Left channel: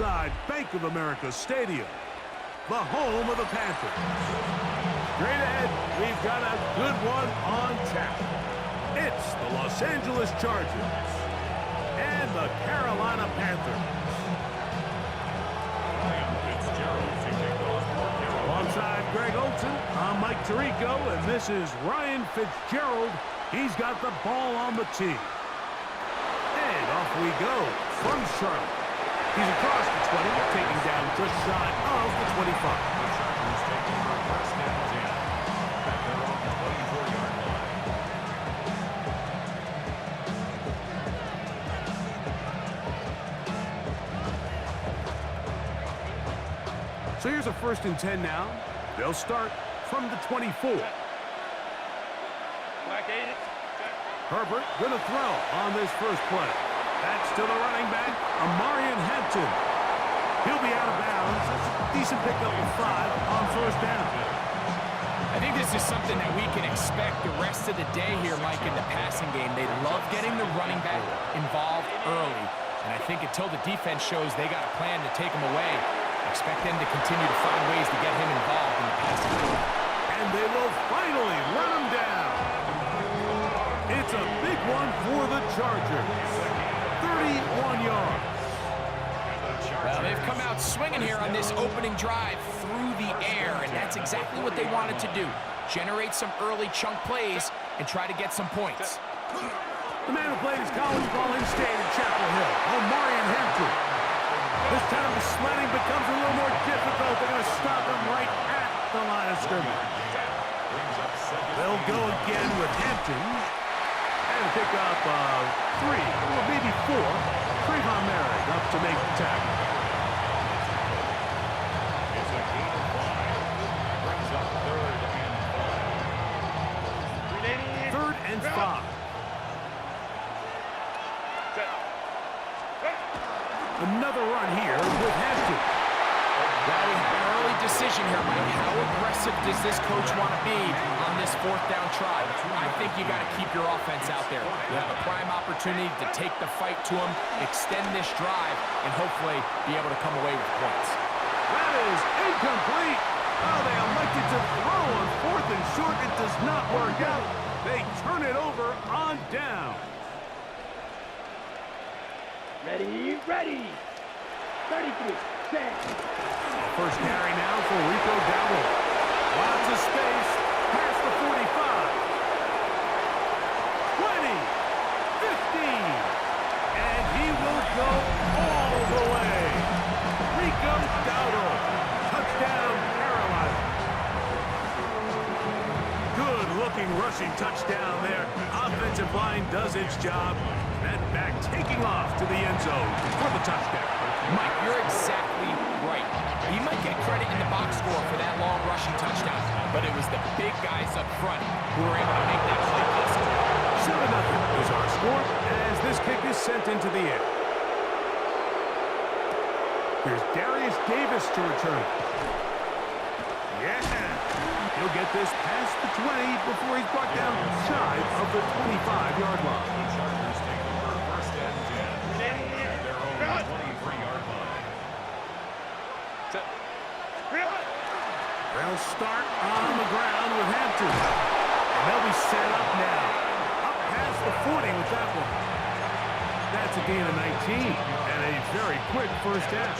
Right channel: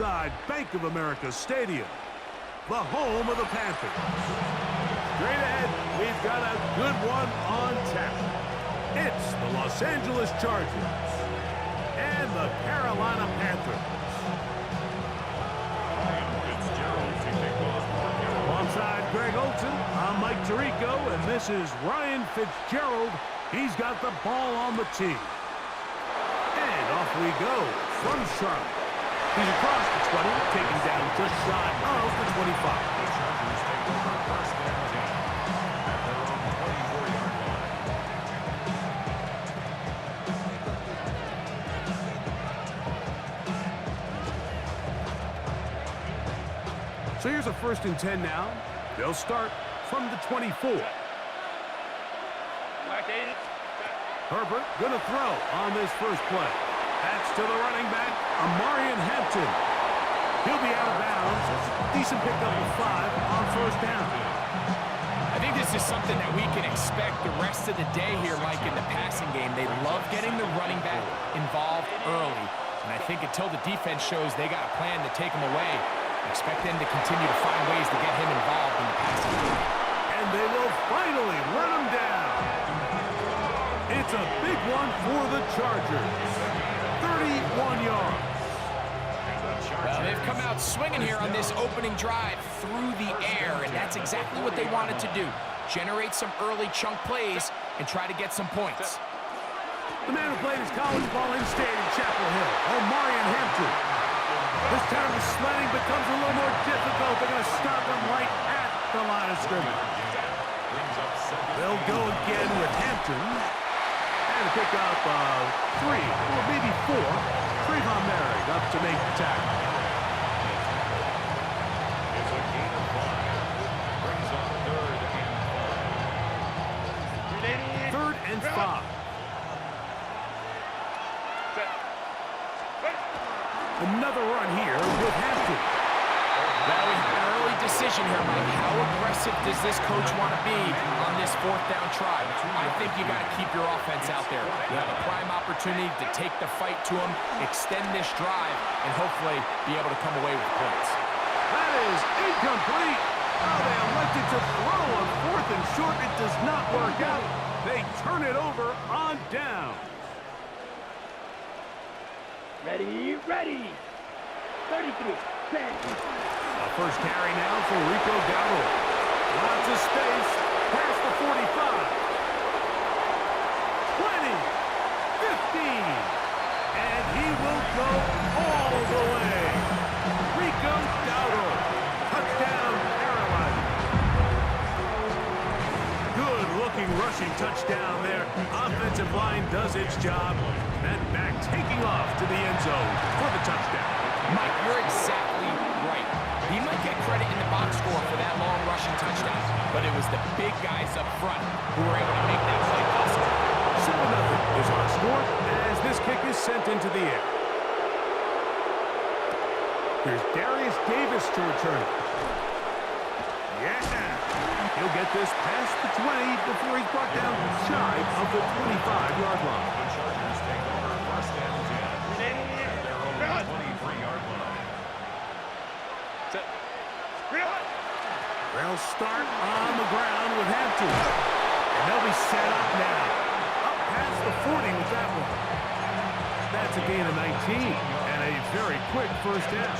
inside Bank of America Stadium, the home of the Panthers. Straight ahead, we've got a good one on tap. It's the Los Angeles Chargers and the Carolina Panthers. Alongside Greg Olson, I'm Mike Tirico, and this is Ryan Fitzgerald. He's got the ball on the tee. And off we go from Charlotte. He's across the 20, taking down just shy of the 25. The Chargers take over first and 10 at their own 24-yard line. So here's a 1st and 10 now. They'll start from the 24. Herbert going to throw on this first play. That's to the running back, Amarian Hampton. He'll be out of bounds. That's a decent pickup of 5 on 1st down. I think this is something that we can expect the rest of the day here, Mike, in the passing game. They love getting the running back involved early. And I think until the defense shows they got a plan to take him away, expect them to continue to find ways to get him involved in the passing game. And they will finally run him down. It's a big one for the Chargers. 31 yards. Well, they've come out swinging here on this opening drive through the air, and that's exactly what they wanted to do. Generate some early chunk plays and try to get some points. The man who played his college ball in-state in Chapel Hill, Amarian Hampton. This time the sledding becomes a little more difficult. They're going to stop him right at the line of scrimmage. They'll go again with Hampton. And pick up 3, or maybe 4. Trayvon Merrick up to make the tackle. It's a gain of 5. Brings up 3rd and 5. 3rd and 5. Another run here with Hampton. Well, we have an early decision here, Mike. How aggressive does this coach want to be on this 4th down try? I think you got to keep your offense out there. You have a prime opportunity to take the fight to them, extend this drive, and hopefully be able to come away with points. That is incomplete. Oh, they elected to throw on 4th and short. It does not work out. They turn it over on down. Ready, ready. 33, 10. A first carry now for Rico Dowdle. Lots of space past the 45. 20, 15. And he will go all the way. Rico Dowdle. Touchdown, Carolina. Good-looking rushing touchdown there. Offensive line does its job. That back taking off to the end zone for the touchdown. Mike, you're exactly right. He might get credit in the box score for that long rushing touchdown, but it was the big guys up front who were able to make that play possible. 7-0 is our score as this kick is sent into the air. Here's Darius Davis to return it. Yeah. He'll get this past the 20 before he's brought down shy of the 25-yard line. The Chargers take over first and 10 at their own 23-yard line. They'll start on the ground with Hampton. And they'll be set up now. Up past the 40 with that one. That's a gain of 19 and a very quick first down.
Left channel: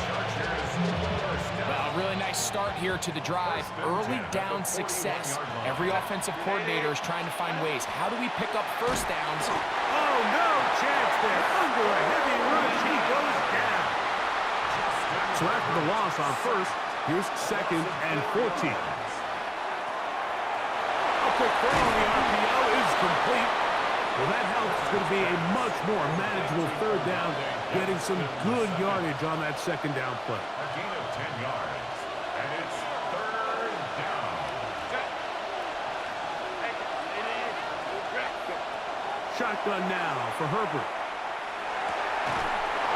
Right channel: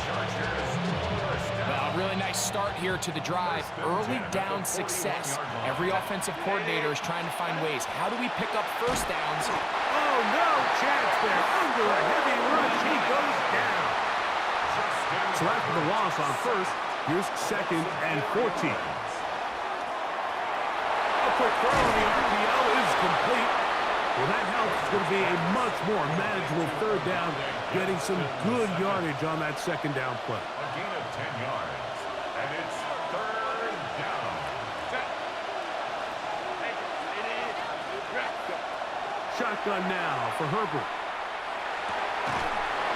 Well, really nice start here to the drive. Early down success. Every offensive coordinator is trying to find ways. How do we pick up first downs? Oh, no chance there. Under a heavy rush, he goes down. So after the loss on first, here's 2nd and 14. A quick throw on the RPO is complete. Well, that helps. It's going to be a much more manageable 3rd down, getting some good yardage on that 2nd down play. A gain of 10 yards, and it's 3rd down. Shotgun now for Herbert.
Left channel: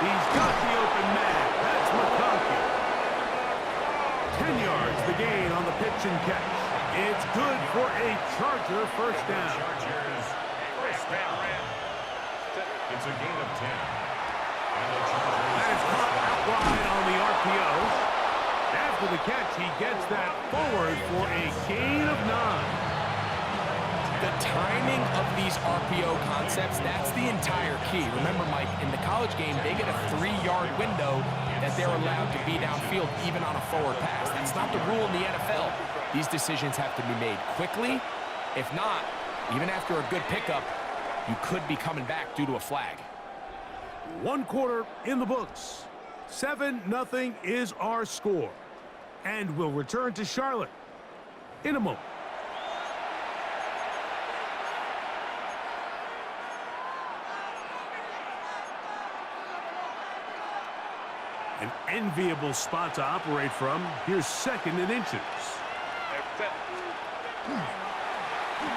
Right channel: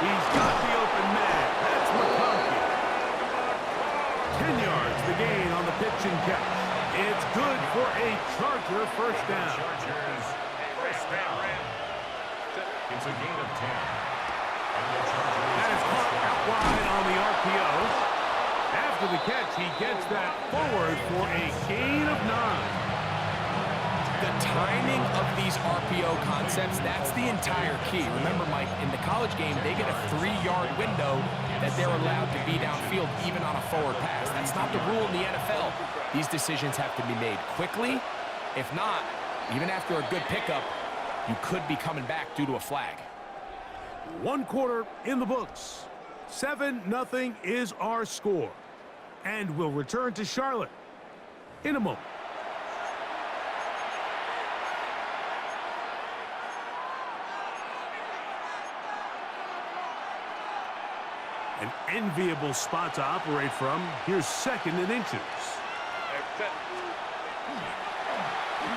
He's got the open man. That's McConkey. 10 yards the gain on the pitch and catch. It's good for a Charger first down. Chargers first down. It's a gain of 10. And the Chargers That is caught out wide on the RPO. After the catch, he gets that forward for a gain of 9. The timing of these RPO concepts, that's the entire key. Remember, Mike, in the college game, they get a 3-yard window that they're allowed to be downfield even on a forward pass. That's not the rule in the NFL. These decisions have to be made quickly. If not, even after a good pickup, you could be coming back due to a flag. 1 quarter in the books. 7-0 is our score. And we'll return to Charlotte in a moment. An enviable spot to operate from. Here's 2nd and inches.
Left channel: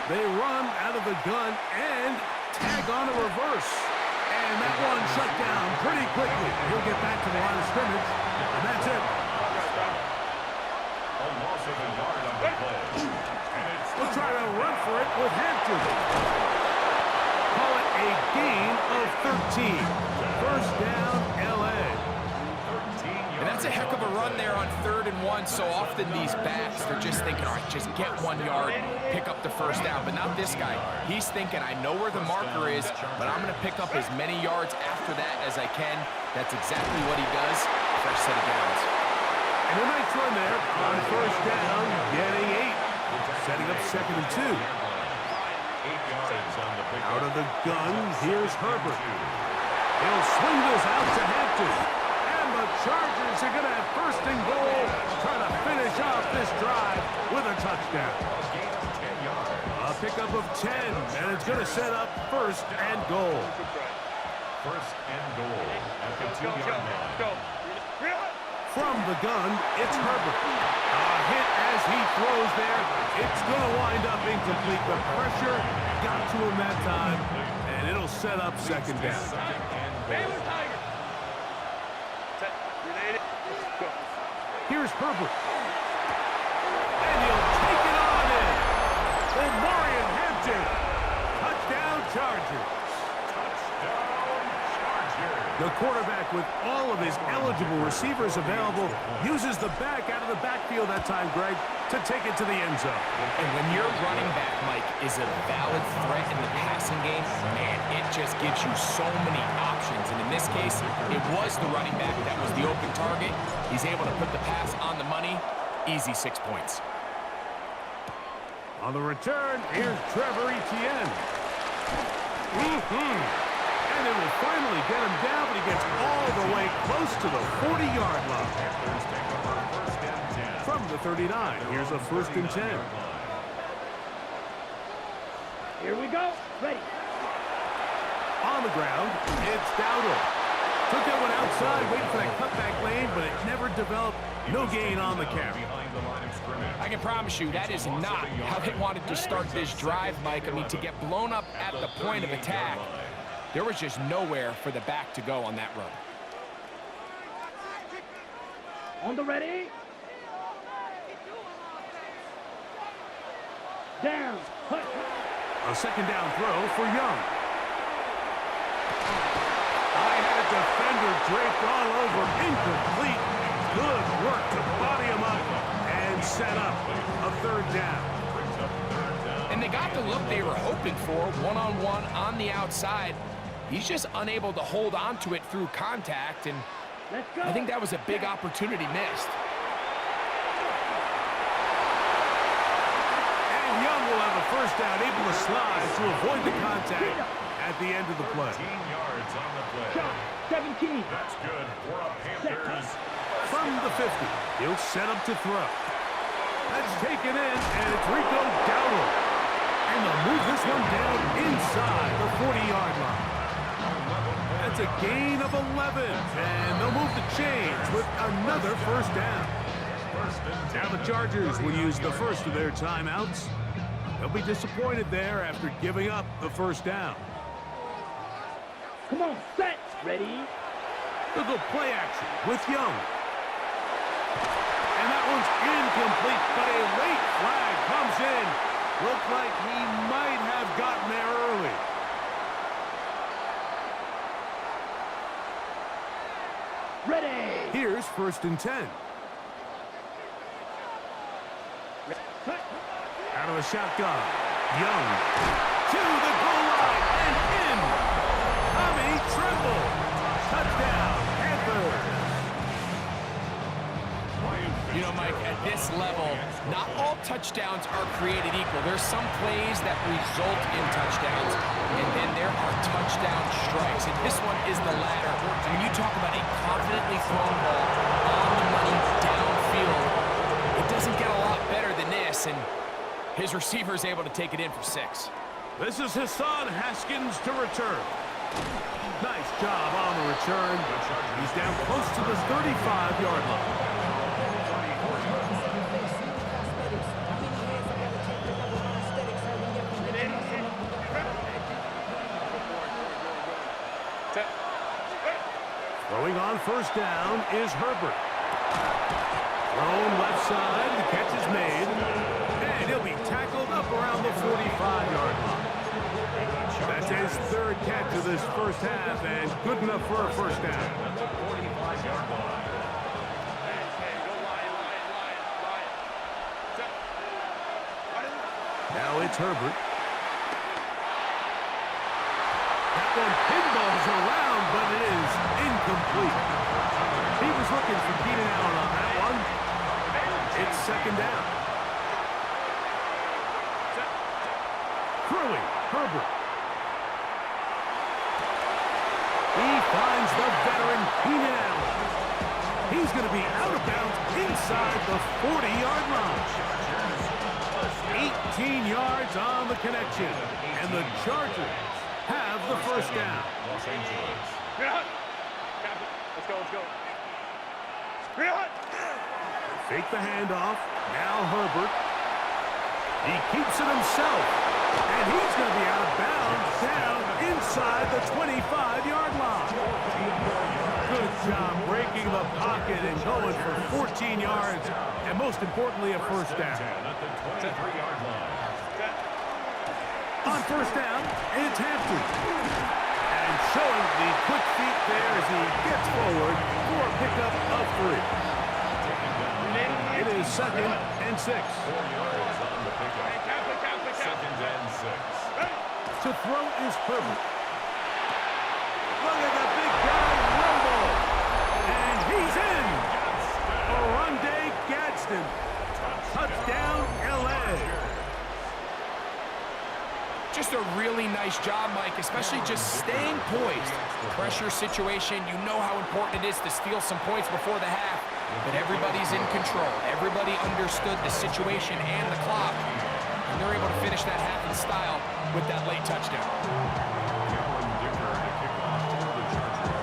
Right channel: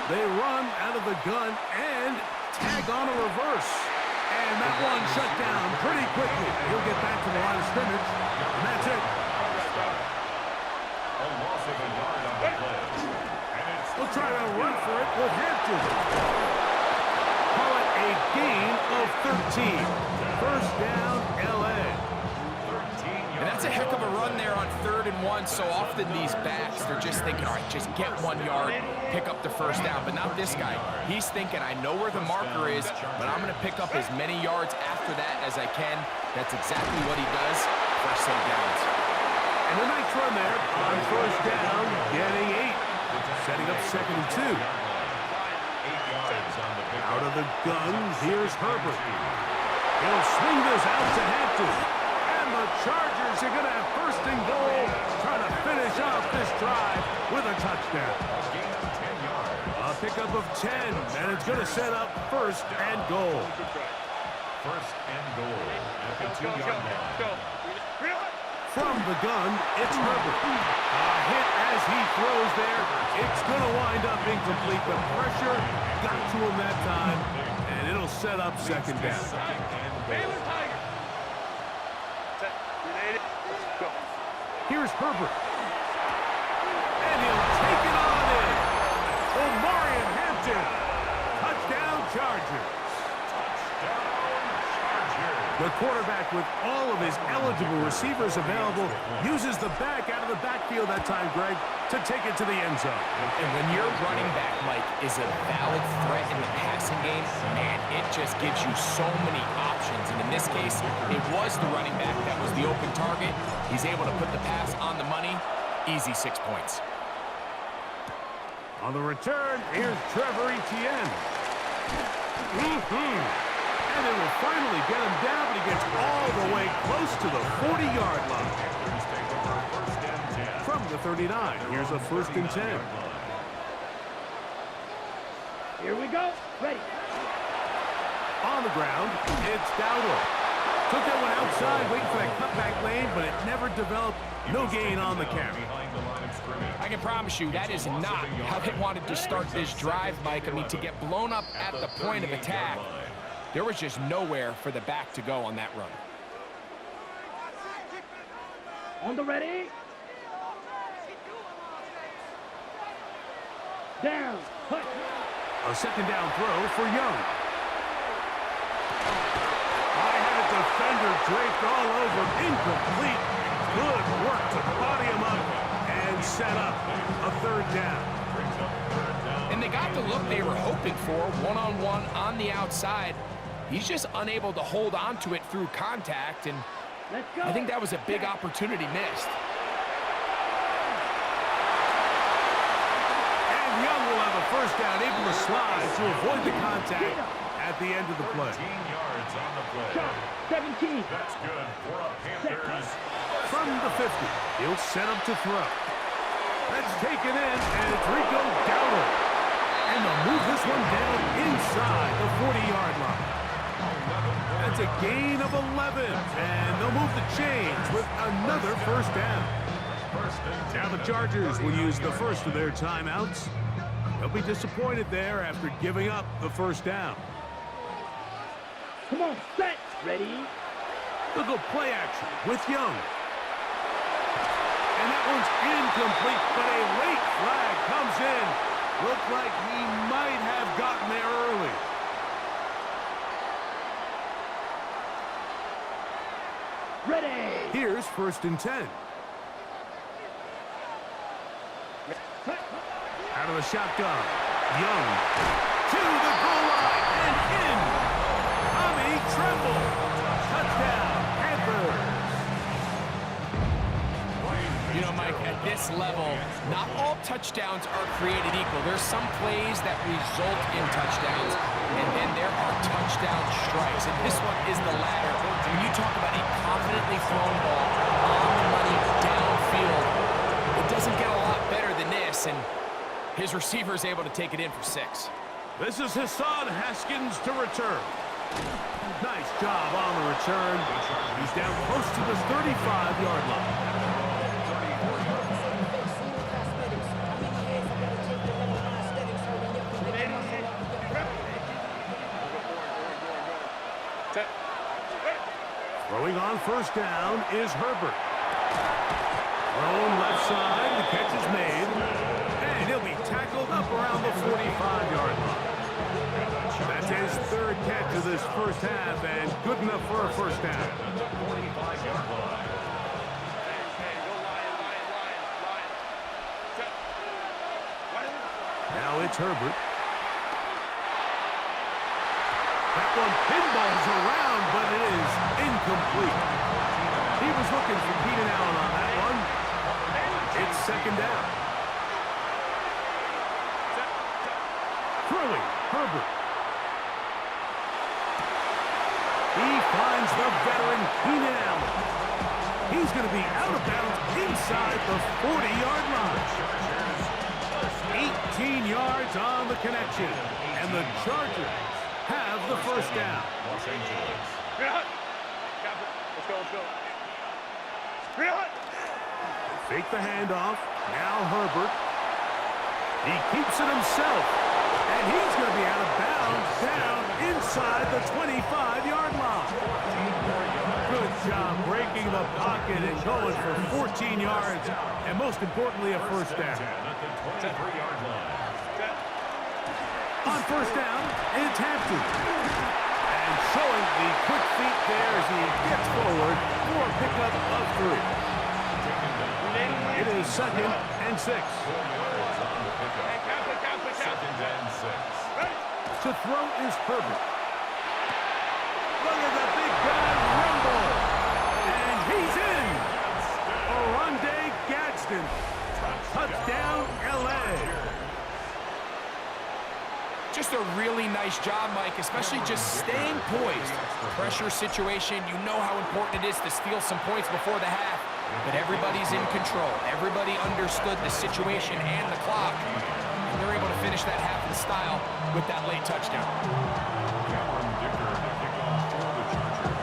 They run out of the gun and tag on a reverse. And that one shut down pretty quickly. He'll get back to the line of scrimmage, and that's it. A loss of a yard on the play. We'll try to run for it with Hampton. Call it a gain of 13. First down, L.A. And that's a heck of a run there on 3rd and 1. So often these backs, they're just thinking, all right, just get 1 yard, pick up the first down. But not this guy. He's thinking, I know where the marker is, but I'm going to pick up as many yards after that as I can. That's exactly what he does. First set of downs. And a nice run there on first down, getting 8. Setting up 2nd and 2. 8 yards on the pick. Out of the gun, here's Herbert. He'll swing this out to Hampton. And the Chargers are going to have 1st and goal, trying to finish off this drive with a touchdown. A gain of 10 yards. A pickup of 10, and it's going to set up 1st and goal. 1st and goal at the 2-yard line. From the gun, it's Herbert. A hit as he throws there. It's going to wind up incomplete. The pressure got to him that time, and it'll set up 2nd down. Baylor Tiger. Here's Herbert. And he'll take it on in. Omarion Hampton. Touchdown, Chargers. Touchdown, Chargers. The quarterback, with all of his eligible receivers available, uses the back out of the backfield that time, Greg, to take it to the end zone. And when your running back, Mike, is a valid threat in the passing game, man, it just gives you so many options. And in this case, it was the running back that was the open target. He's able to put the pass on the money. Easy 6 points. On the return, here's Trevor Etienne. And they will finally get him down, but he gets all the way close to the 40-yard line. Panthers take over 1st and 10. From the 39, here's a 1st and 10. Here we go. Ready. On the ground, it's Dowdle. Took that one outside, waiting for that cutback lane, but it never developed. No gain on the carry. Behind the line of scrimmage. I can promise you that is not how they wanted to start this drive, Mike. I mean, to get blown up at the point of attack, there was just nowhere for the back to go on that run. On the ready. Down. Push. A 2nd down throw for Young. I had a defender draped all over. Incomplete. Good work to body him up and set up a 3rd down. And they got the look they were hoping for, one-on-one on the outside. He's just unable to hold on to it through contact, and Let's go. I think that was a big opportunity missed. And Young will have a 1st down, able to slide to avoid the contact at the end of the play. 13 yards on the play. Shot. 17. That's good for a Panthers. From the 50, he'll set up to throw. That's taken in, and it's Rico Dowdle. And they'll move this one down inside the 40-yard line. That's a gain of 11, and they'll move the chains with another 1st down. Now the Chargers will use the first of their timeouts. They'll be disappointed there after giving up the 1st down. Come on, set. Ready. They'll go play action with Young. And that one's incomplete, but a late flag comes in. Looked like he might have gotten there early. Ready. Here's Here's 1st and 10. Out of the shotgun. Young to the goal line and in. Tommy Tremble. Touchdown, Panthers. You know, Mike, at this level, not all touchdowns are created equal. There's some plays that result in touchdowns, and then there are touchdown strikes. And this one is the latter. When you talk about a confidently thrown ball on the money downfield, it doesn't get a lot better than this, and his receiver is able to take it in for 6. This is Hassan Haskins to return. Nice job on the return. He's down close to the 35-yard line. Throwing on 1st down is Herbert. Thrown left side, the catch is made, and he'll be tackled up around the 45-yard line. That's his 3rd catch of this first half, and good enough for a 1st down. Now it's Herbert. That one pinballs around, but it is incomplete. He was looking for Keenan Allen on that one. It's 2nd down. Throwing, Herbert. He finds the veteran Keenan Allen. He's going to be out of bounds inside the 40-yard line. 18 yards on the connection, and the Chargers have the 1st down. Los Angeles. Let's go. Fake the handoff. Now Herbert. He keeps it himself, and he's going to be out of bounds down inside the 25-yard line. Good job breaking the pocket and going for 14 yards, and most importantly, a 1st down. At the 23-yard line. On 1st down, it's Hampton. And showing the quick feet there as he gets forward for a pickup of 3. It is 2nd and 6. 4 yards on the pickup. 2nd and 6. To throw is Herbert. Look at the big guy rumble. And he's in. Oronde Gadsden. Touchdown, L.A. Just a really nice job, Mike, especially just staying poised. Pressure situation, you know how important it is to steal some points before the half, but everybody's in control. Everybody understood the situation and the clock, and they're able to finish that half in style with that late touchdown. Cameron Dicker to kick off for the Chargers.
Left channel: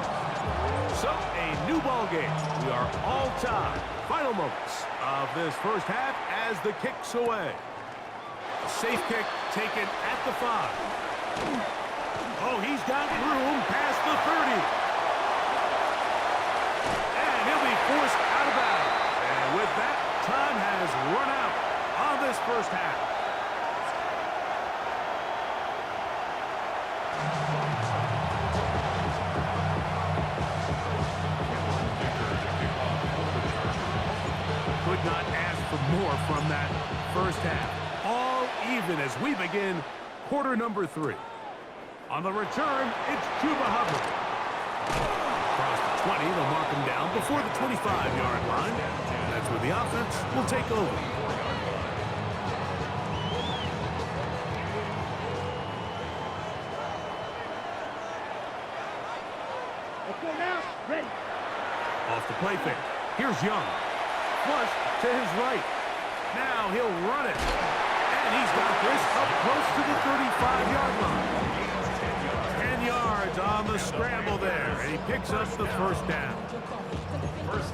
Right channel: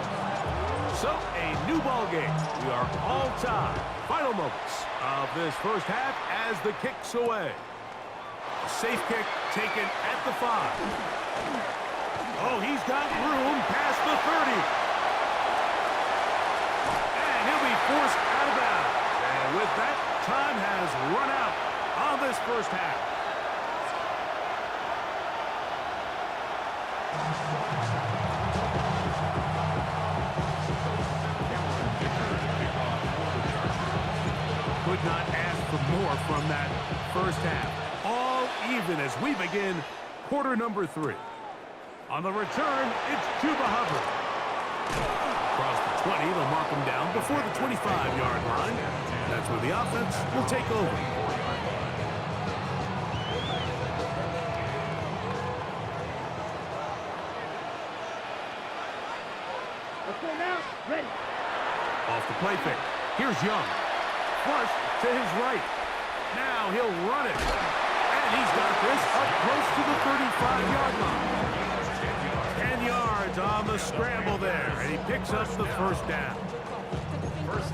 So, a new ball game. We are all tied. Final moments of this first half as the kick's away. A safe kick taken at the 5. Oh, he's got room past the 30. And he'll be forced out of bounds. And with that, time has run out on this first half. Cameron Dicker to kick off for the Chargers. Could not ask for more from that first half. All even as we begin quarter number 3. On the return, it's Chuba Hubbard. Across the 20, they'll mark him down before the 25-yard line. That's where the offense will take over. 4-yard line. Let's go now. Ready. Off the play fake. Here's Young. Flush to his right. Now he'll run it. And he's got this up close to the 35-yard line. 10 yards on the scramble there. And he picks up the 1st down.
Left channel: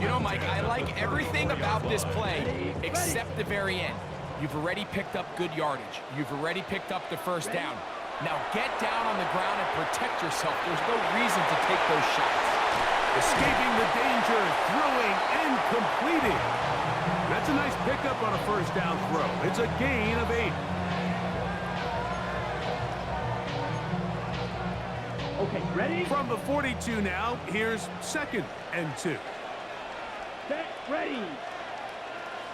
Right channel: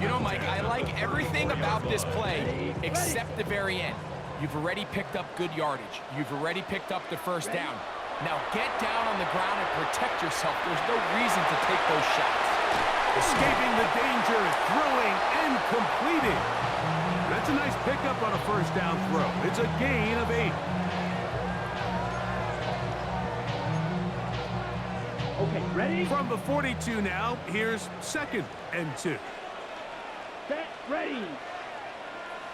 You know, Mike, I like everything about this play except the very end. You've already picked up good yardage. You've already picked up the 1st down. Now get down on the ground and protect yourself. There's no reason to take those shots. Escaping the danger, throwing and completing. That's a nice pickup on a 1st down throw. It's a gain of 8. Okay, ready? From the 42 now, here's 2nd and 2. Set. Ready.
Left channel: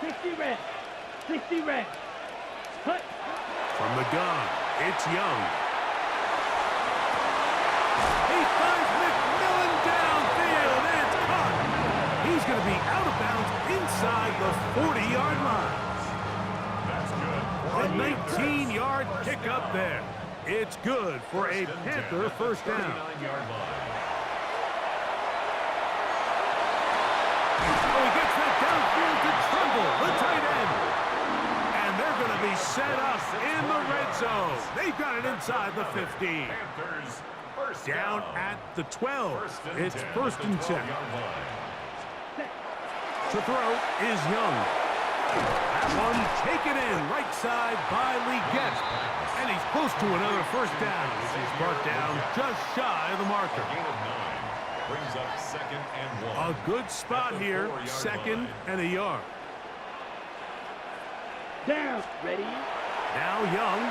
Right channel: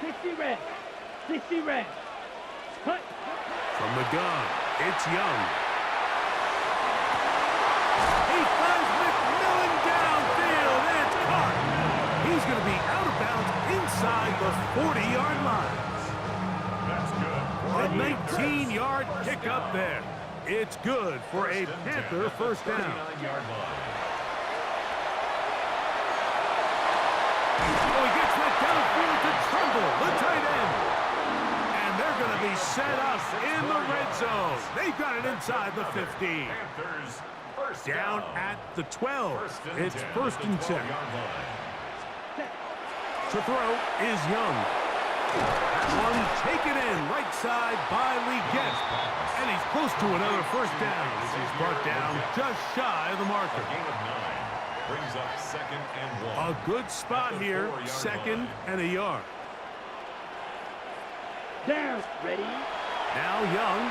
60 red. 60 red. Hut. From the gun, it's Young. He finds McMillan downfield, and it's caught. He's going to be out of bounds inside the 40-yard line. That's good. A 19-yard pickup there. It's good for a Panther first down. 39-yard line. Oh, he gets that downfield to Trumbull, the tight end. And they're going to be set up in the red zone. They've got it inside the 15. Panthers first Down at the 12. It's first and 10. To throw is Young. That one taken in right side by Leggett. And he's close to another first down as he's brought down just shy of the marker. A gain of 9 brings up 2nd and 1. A good spot here, 2nd and a yard. Down. Ready. Now Young.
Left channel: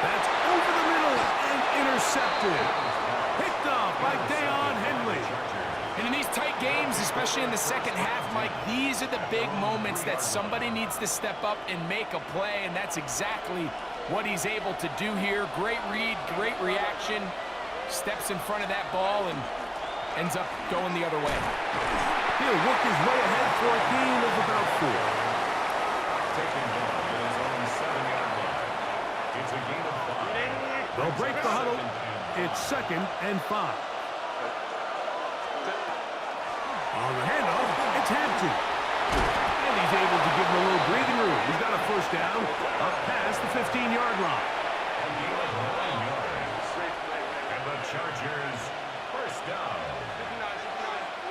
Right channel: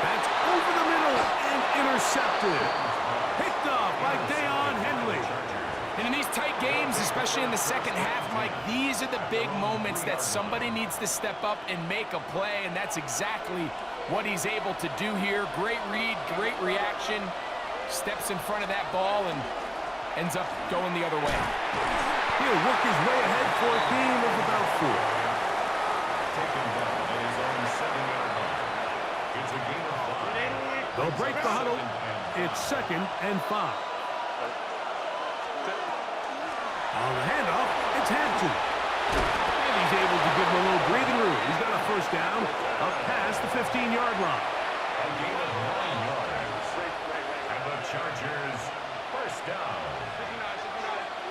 That's over the middle and intercepted. Picked off by Deion Henley. And in these tight games, especially in the second half, Mike, these are the big moments that somebody needs to step up and make a play, and that's exactly what he's able to do here. Great read, great reaction, steps in front of that ball and ends up going the other way. He'll work his way ahead for a gain of about 4. Taken down at his own 7-yard line. It's a gain of 5. They'll break the huddle. It's 2nd and 5. On the handoff, it's Hampton. And he's able to give him a little breathing room. He's got a first down up past the 15-yard line. A gain of 9 yards. And the Chargers first down.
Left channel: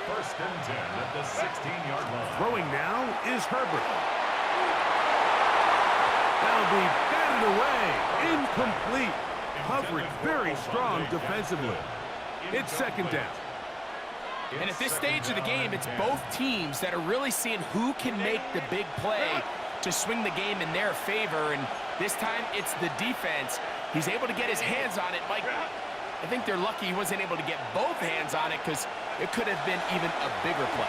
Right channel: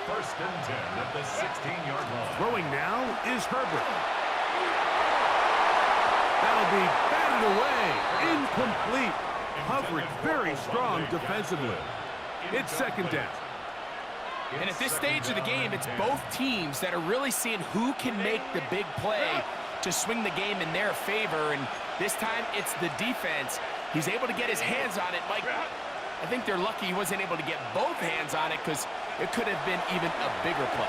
First and 10 at the 16-yard line. Throwing now is Herbert. That'll be batted away. Incomplete. Coverage very strong defensively. It's 2nd down. And at this stage of the game, it's both teams that are really seeing who can make the big play to swing the game in their favor. And this time, it's the defense. He's able to get his hands on it. Mike, I think they're lucky he wasn't able to get both hands on it because it could have been even a bigger play.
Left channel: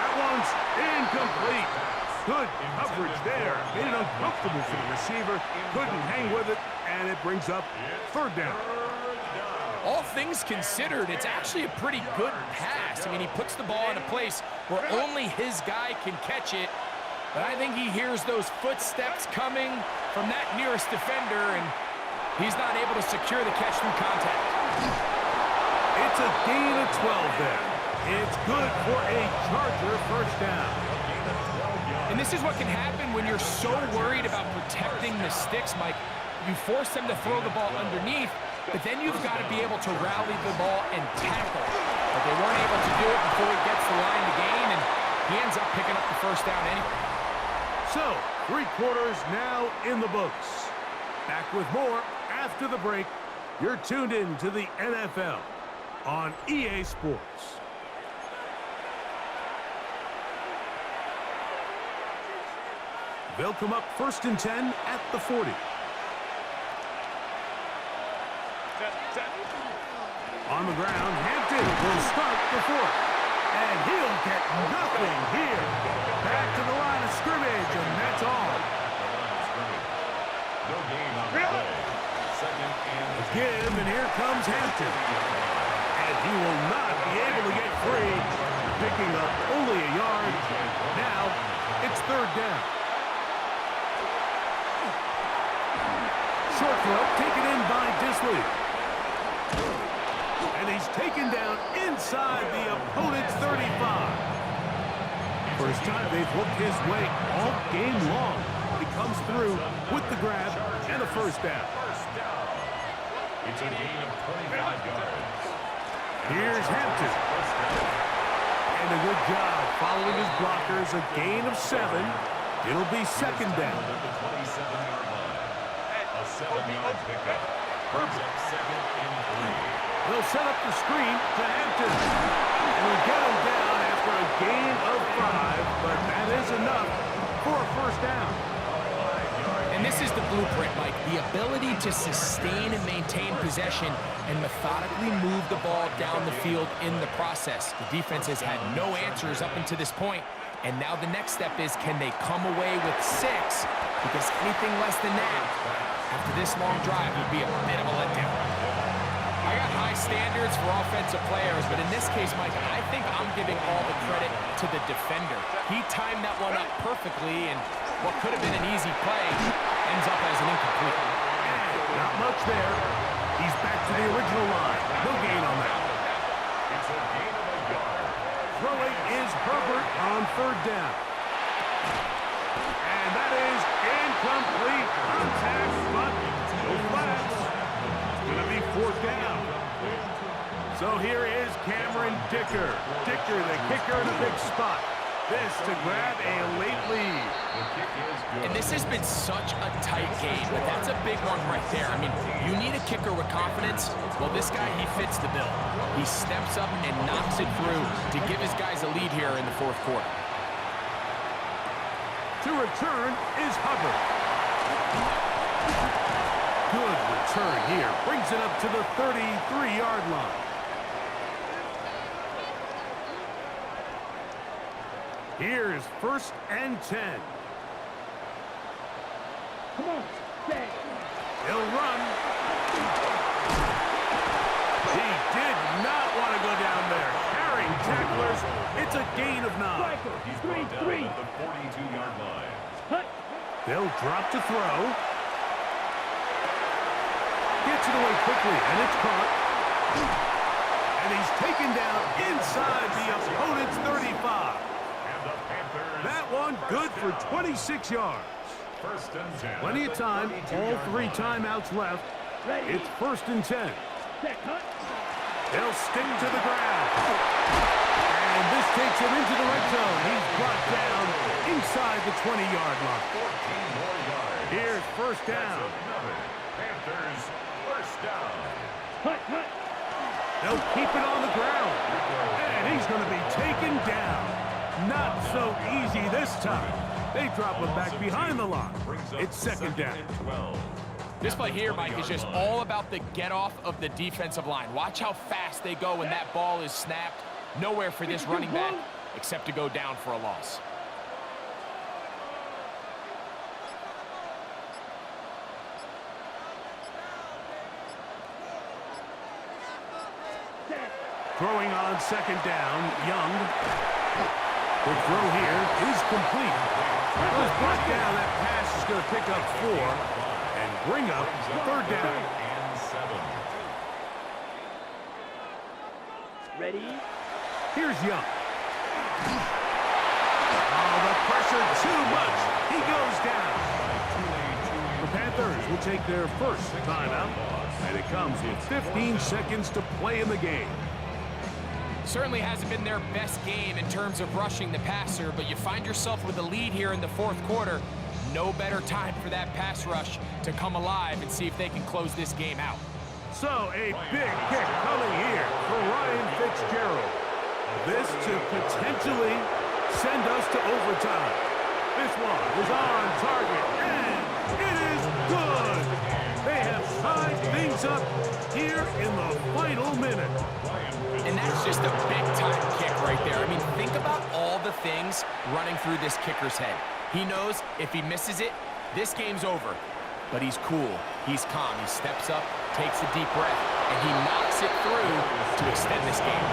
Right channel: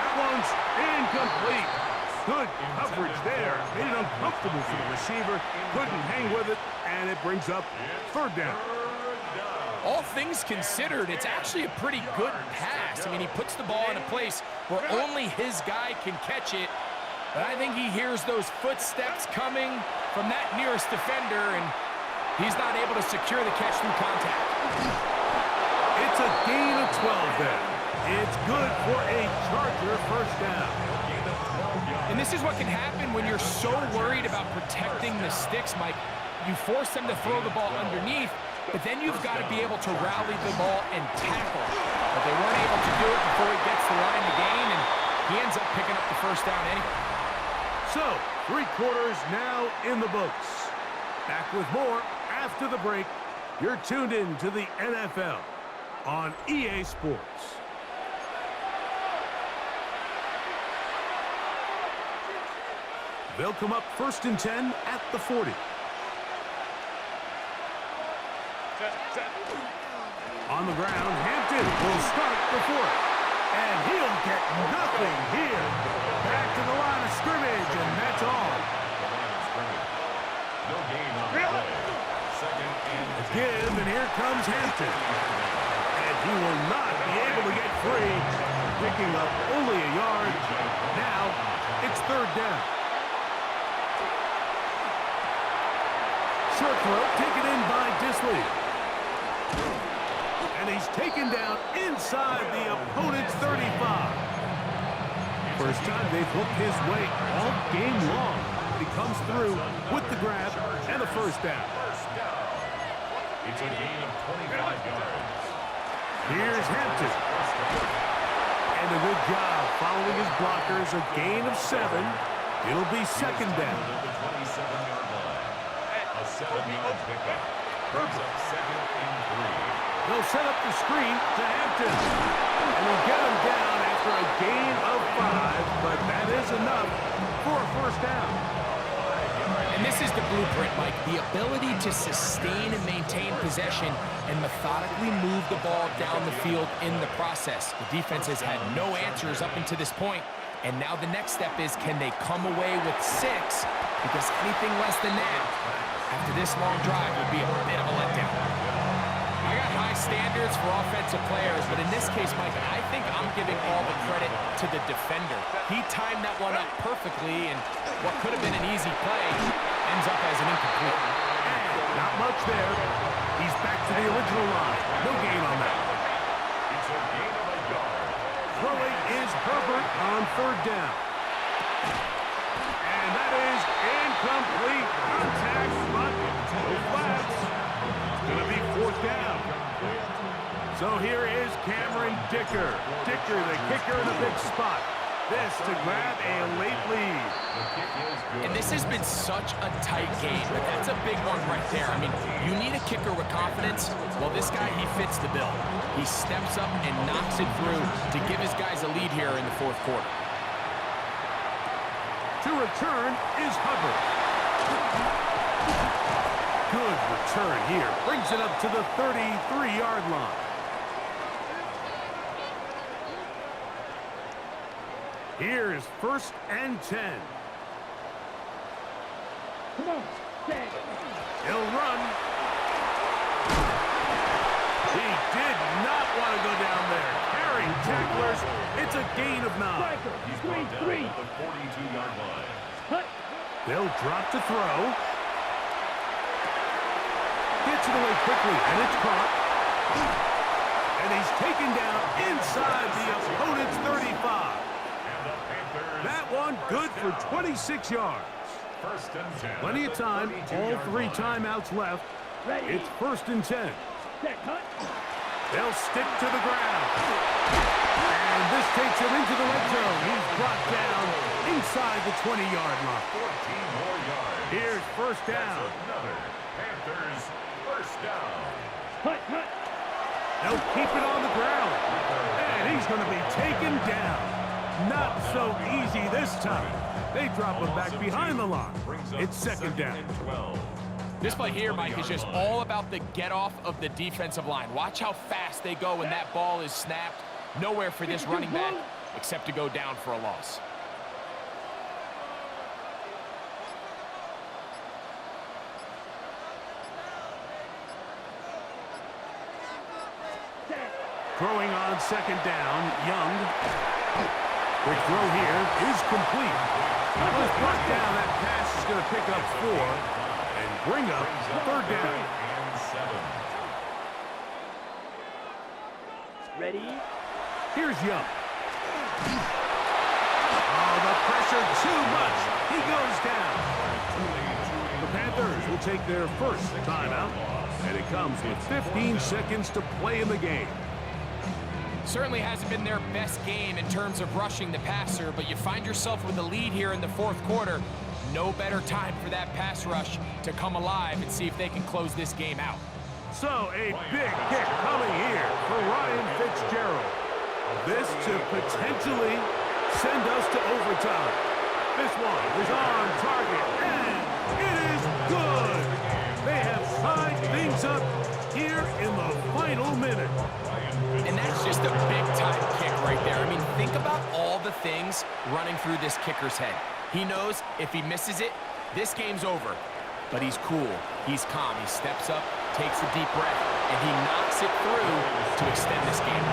That one's incomplete. Good coverage there. Made it uncomfortable for the receiver. Couldn't hang with it, and it brings up 3rd down. All things considered, it's actually a pretty good pass. I mean, he puts the ball in a place where only his guy can catch it. But I think he hears those footsteps coming from that nearest defender, and he's not able to secure the catch through contact. It's a gain of 12 there. It's good for a Charger first down. And this is what can happen when you're so worried about protecting the sticks, Mike. You force them to throw the ball underneath, but then you've got to be able to rally the ball and tackle. But they weren't able to do it before he gets the line to gain, and he ends up picking up the first down anyway. So, 3 quarters now in the books. Back with more after the break. You're tuned in to the NFL on EA Sports. They'll come up first and 10 at the 40. On the ground, Hampton will start the 4th. And he'll get nothing here. Back to the line of scrimmage, and that's all. No gain on the play. 2nd and 10. Give, and here comes Hampton. And he will not be able to get free, picking up only a yard. Now, it's 3rd down. Short throw taken in by Disley. And he's taken down inside the opponent's 35. First time they've hooked his way all game long. But he comes through with the grab and the first down. It's a gain of 25 yards. Here's Hampton. And a good job following his blockers. A gain of 7. It'll be 2nd down. At the 27-yard line. A 7-yard pickup. Brings up 2nd and 3. They'll set up the screen to Hampton. And he'll get him down after a gain of 5. But that is enough for a first down. And And this is the blueprint, Mike. The ability to sustain and maintain possession and methodically move the ball down the field in the process. The defense has had no answers up until this point, and now the next step is, can they come away with 6? Because anything less than that, after this long drive, would be a bit of a letdown. I got high standards for offensive players, but in this case, Mike, I think I'm giving all the credit to the defender. He timed that one up perfectly, and what could have been an easy play ends up as an incomplete. And not much there. He's back to the original line. No gain on that. It's a gain of a yard. Throwing is Herbert on 3rd down. And that is incomplete. Contact, but no flags. It's going to be 4th down. So here is Cameron Dicker. Dicker, the kicker in a big spot. This to grab a late lead. The kick is good. And this has been such a tight game, but that's a big one right there. I mean, you need a kicker with confidence. Well, this guy, he fits the bill. He steps up and knocks it through to give his guys a lead here in the 4th quarter. To return is Hubbard. Good return here. Brings it up to the 33-yard line. Here's 1st and 10. Come on, set. He'll run. He did not want to go down there. Carrying tacklers. It's a gain of 9. Striker, He's 3, brought down 3. at the 42-yard line. Hut. They'll drop to throw. Gets it away quickly, and it's caught. And he's taken down inside the opponent's 35. And the Panthers. That one good for 26 yards. 1st and 10. Plenty of time. All 3 line. timeouts left. Ready. It's 1st and 10. Set, hut. They'll stick to the ground. And this takes him into the red zone. He's brought down inside the 20-yard line. 14 more yards. Here's 1st down. That's another Panthers 1st down. Hut, hut. They'll keep it on the ground. And he's going to be taken down. Not so easy this time. They drop him back behind the line. It's 2nd down. And 12. This play here, Mike, is just all about the get-off of the defensive line. Watch how fast they go when that ball is snapped. Nowhere for this running back except to go down for a loss. Set. Throwing on 2nd down, Young. Quick throw here is complete. Was brought down. That pass is going to pick up 4 and bring up 3rd down. And 7. Ready. Here's Young. Oh, the pressure too much. He goes down. The Panthers will take their 1st timeout, and it comes with 15 seconds to play in the game. Certainly hasn't been their best game in terms of rushing the passer, but you find yourself with a lead here in the 4th quarter. No better time for that pass rush to come alive and see if they can close this game out. So a big kick coming here for Ryan Fitzgerald. This to potentially send us to overtime. This one is on target, and it is good. They have tied things up here in the final minute. And that's just a big-time kick right there. I mean, think about all the things running through this kicker's head. He knows if he misses it, this game's over. But he's cool. He's calm. He steps up, takes a deep breath, and he knocks it through to extend this game.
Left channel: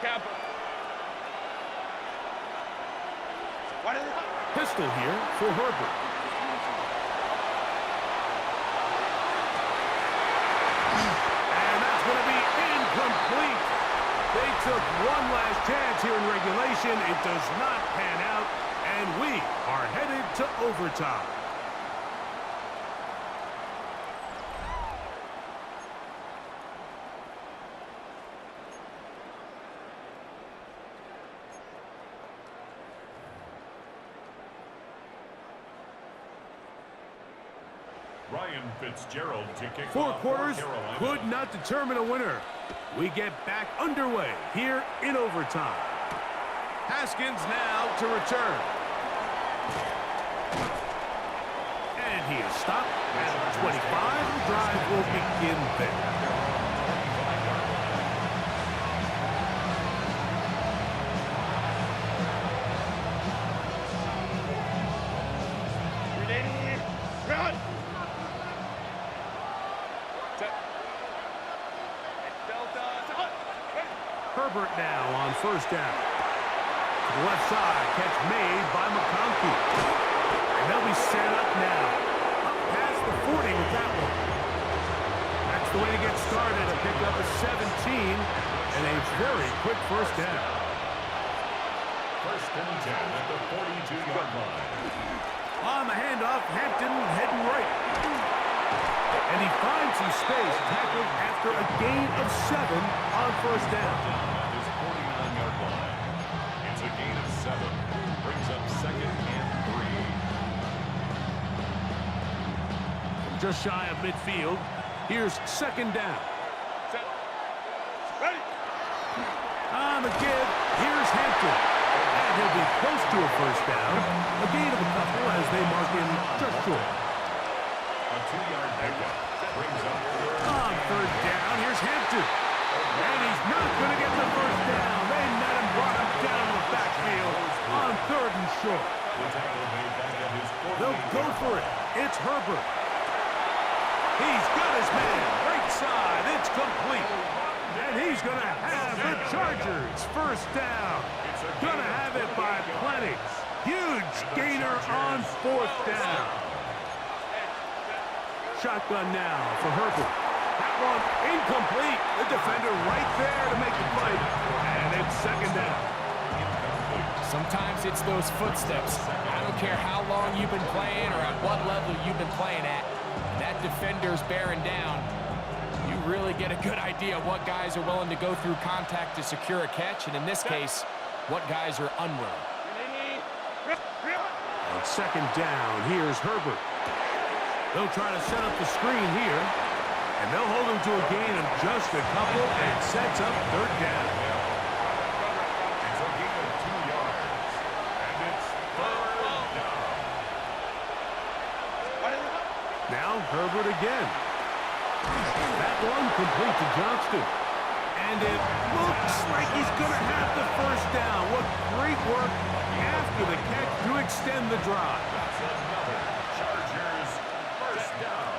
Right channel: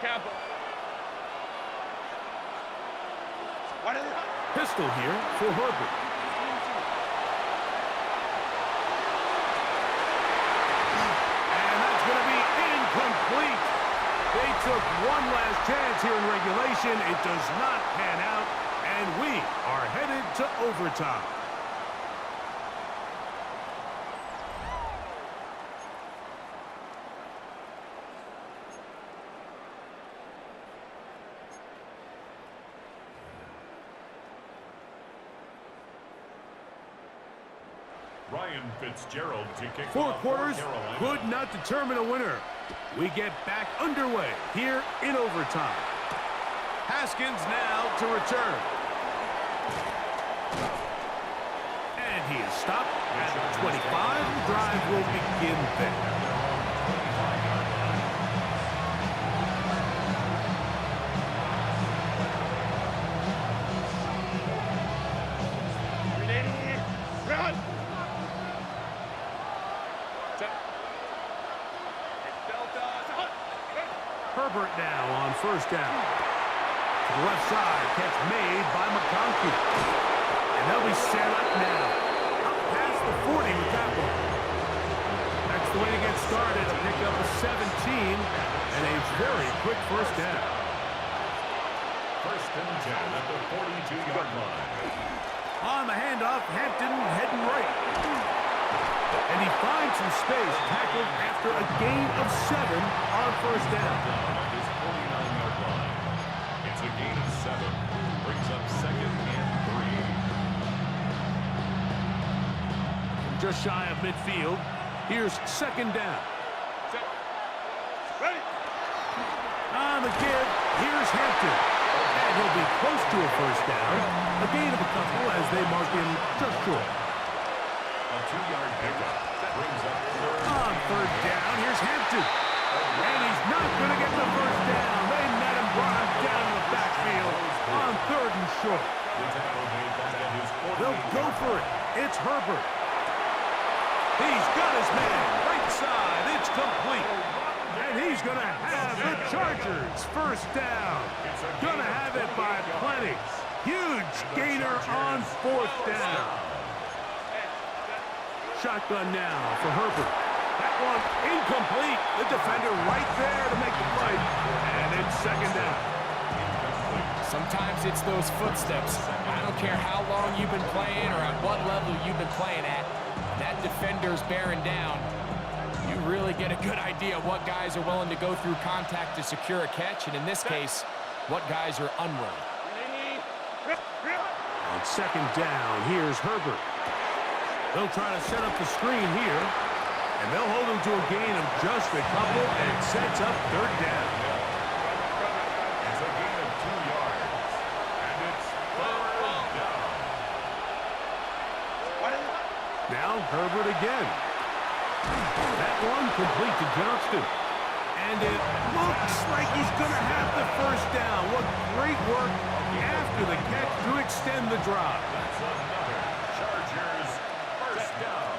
Camper. What is it? Pistol here for Herbert. And that's going to be incomplete. They took one last chance here in regulation. It does not pan out, and we are headed to overtime. Ryan Fitzgerald to kick Four off quarters for Carolina. could not determine a winner. We get back underway here in overtime. Haskins now to return. And he is stopped at 25. The drive will begin there. At their own 25-yard line. Ready, run. Herbert now on first down. To the left side, catch made by McConkey. And they'll be set up now. Up past the 40 with that one. That's the way to get started. A pickup of 17 and a very quick first down. First and 10 at the 42-yard line. On the handoff, Hampton heading right. And he finds some space, tackled after a gain of 7 on first down. Down at his 49-yard line. It's a gain of 7. Brings up 2nd and 3. From just shy of midfield, here's 2nd down. Ready. On the give, here's Hampton. And he'll be close to a first down. A gain of a couple as they mark him just short. A 2-yard pickup. Brings up 3rd. On 3rd down, here's Hampton. And he's not going to get the first down. They met him, brought him down to the backfield on 3rd and short. The tackle made back at his 48. They'll go for it. It's Herbert. He's got his man. Right side. It's complete. And he's going to have the Chargers first down. Going to have it by plenty. Huge gainer on 4th down. Shotgun now for Herbert. That one incomplete. The defender right there to make the play. And it's 2nd down. Sometimes it's those footsteps. I don't care how long you've been playing or at what level you've been playing at. That defender's bearing down. You really get a good idea of what guys are willing to go through contact to secure a catch, and in this case, what guys are unwilling. On 2nd down, here's Herbert. They'll try to set up the screen here, and they'll hold him to a gain of just a couple, and it sets up 3rd down. It's a gain of 2 yards. And it's 3rd down. Now Herbert again. That one complete to Johnston. And it looks like he's going to have the first down. What great work after the catch to extend the drive. That's another Chargers first down.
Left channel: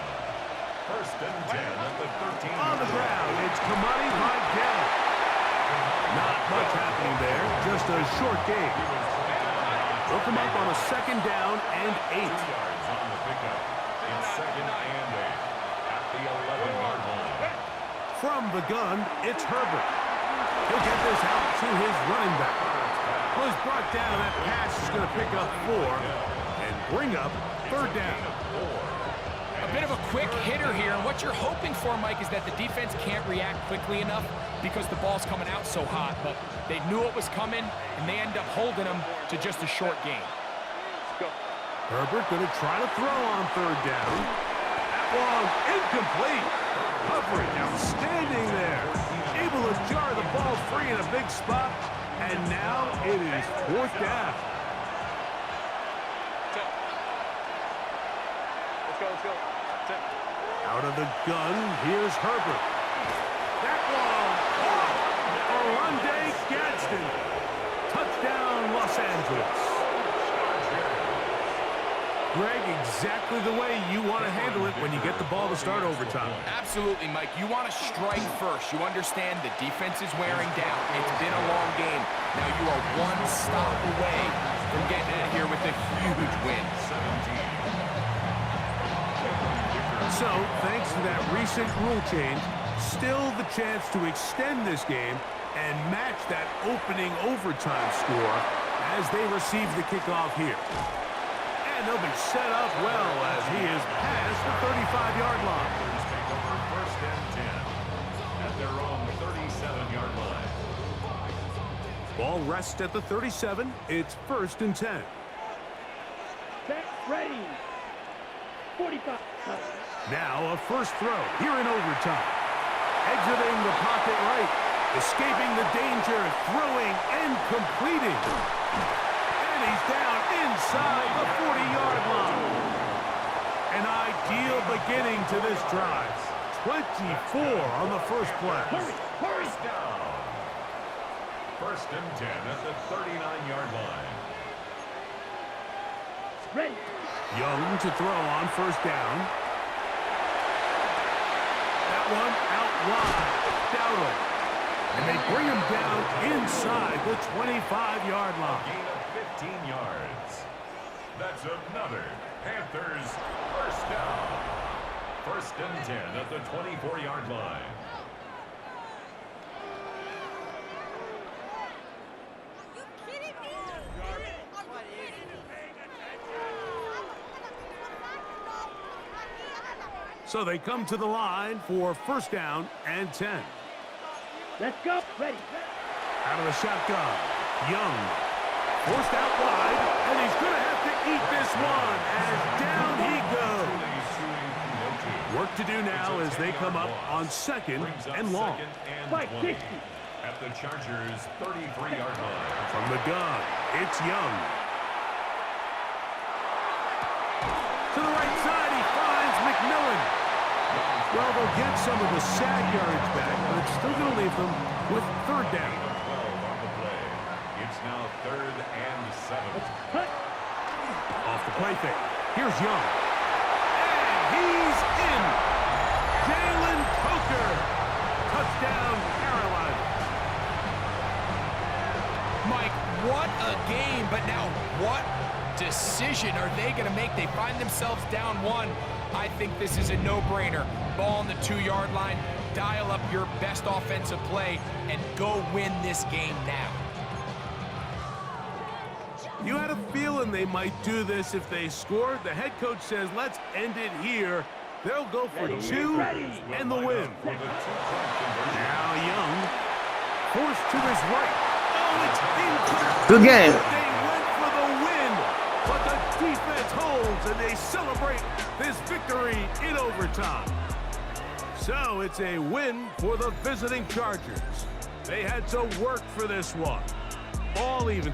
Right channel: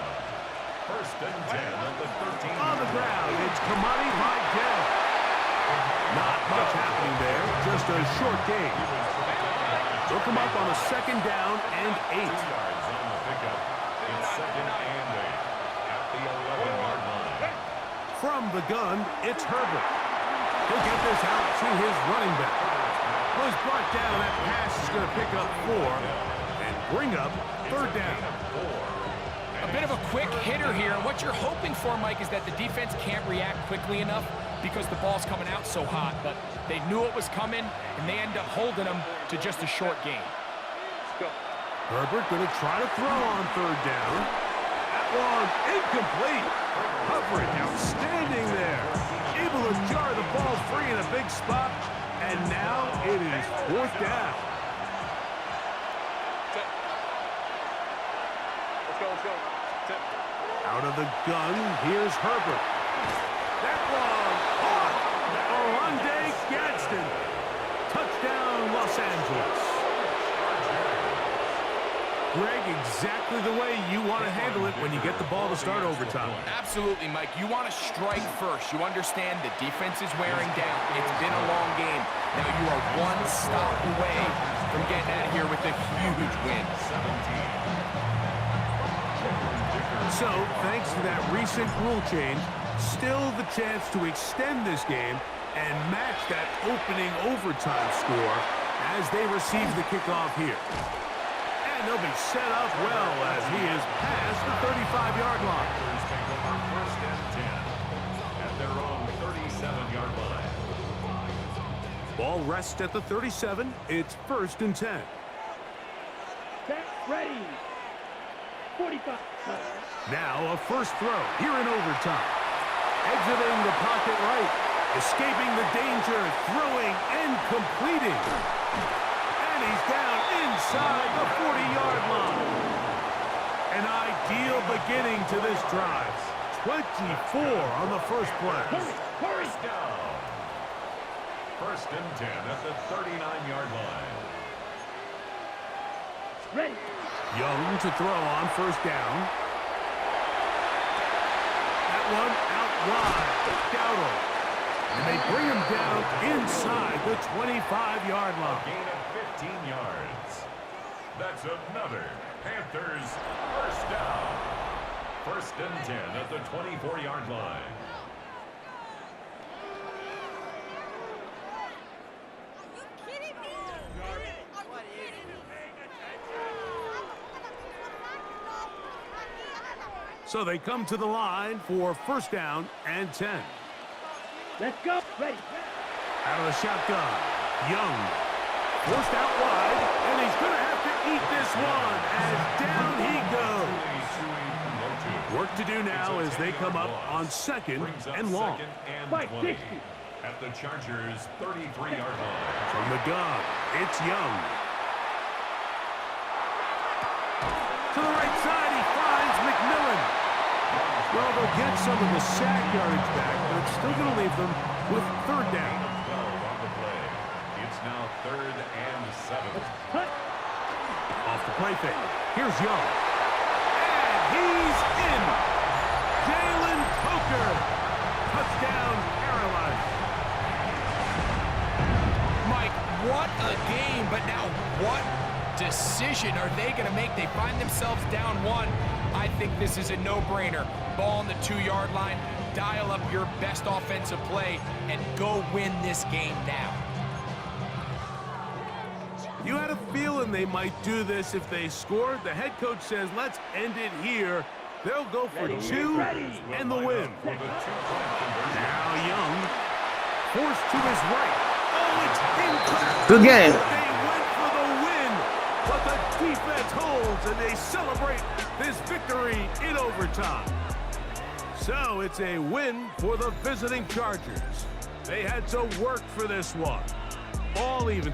1st and 10 at the 13. On the ground, it's Kamani Vidal. Not much happening there, just a short gain. They'll come up on a 2nd down and 8. 2 yards on the pickup. It's 2nd and 8 at the 11-yard line. From the gun, it's Herbert. He'll get this out to his running back. Well, he's brought down. That pass is going to pick up 4 and bring up 3rd down. A bit of a quick hitter here, and what you're hoping for, Mike, is that the defense can't react quickly enough because the ball's coming out so hot, but they knew it was coming, and they end up holding them to just a short gain. Herbert going to try to throw on 3rd down. That one incomplete. Coverage outstanding there. Able to jar the ball free in a big spot, and now it is 4th down. Let's go. Out of the gun, here's Herbert. That one caught. Oronde Gadsden. Touchdown, Los Angeles. Greg, exactly the way you want to handle it when you get the ball to start overtime. Absolutely, Mike. You want to strike first. You understand the defense is wearing down. It's been a long game. Now you are one stop away from getting out of here with a huge win. So, thanks to that recent rule change, still the chance to extend this game and match that opening overtime score as they receive the kickoff here. And they'll be set up well as he is past the 35-yard line. Take over 1st and 10 at their own 37-yard line. Ball rests at the 37. It's 1st and 10. Set, ready. 45. Now a first throw here in overtime. Exiting the pocket right. Escaping the danger, throwing and completing. And he's down inside the 40-yard line. An ideal beginning to this drive. 24 on the first play. Hurry. Down. First and 10 at the 39-yard line. Ready. Young to throw on first down. That one out wide. Dowdle. And they bring him down inside the 25-yard line. A gain of 15 yards. That's another Panthers first down. First and 10 at the 24-yard line. Are you kidding me? So they come to the line for first down and 10. Let's go. Ready. Out of the shotgun, Young forced out wide, and he's going to have to eat this one as down he goes. Work to do now as they come up on second and long. Fight 60. At the Chargers' 33-yard line. From the gun, it's Young. To the right side, he finds McMillan. Well, they'll get some of the sack yardage back, but it's still going to leave them with third down. Gain of 12 on the play. It's now 3rd and 7. Cut. Off the play fake. Here's Young. And he's in. Jalen Coker. Touchdown, Carolina. Mike, what a game, but now what decision are they going to make? They find themselves down one. I think this is a no-brainer. Ball on the 2-yard line, dial up your best offensive play, and go win this game now. You had a feeling they might do this if they scored. The head coach says, let's end it here. They'll go for two and the win. Now Young, forced to his right. Oh, it's incomplete. Good game. They went for the win, but the defense holds, and they celebrate this victory in overtime. So it's a win for the visiting Chargers. They had to work for this one. All even.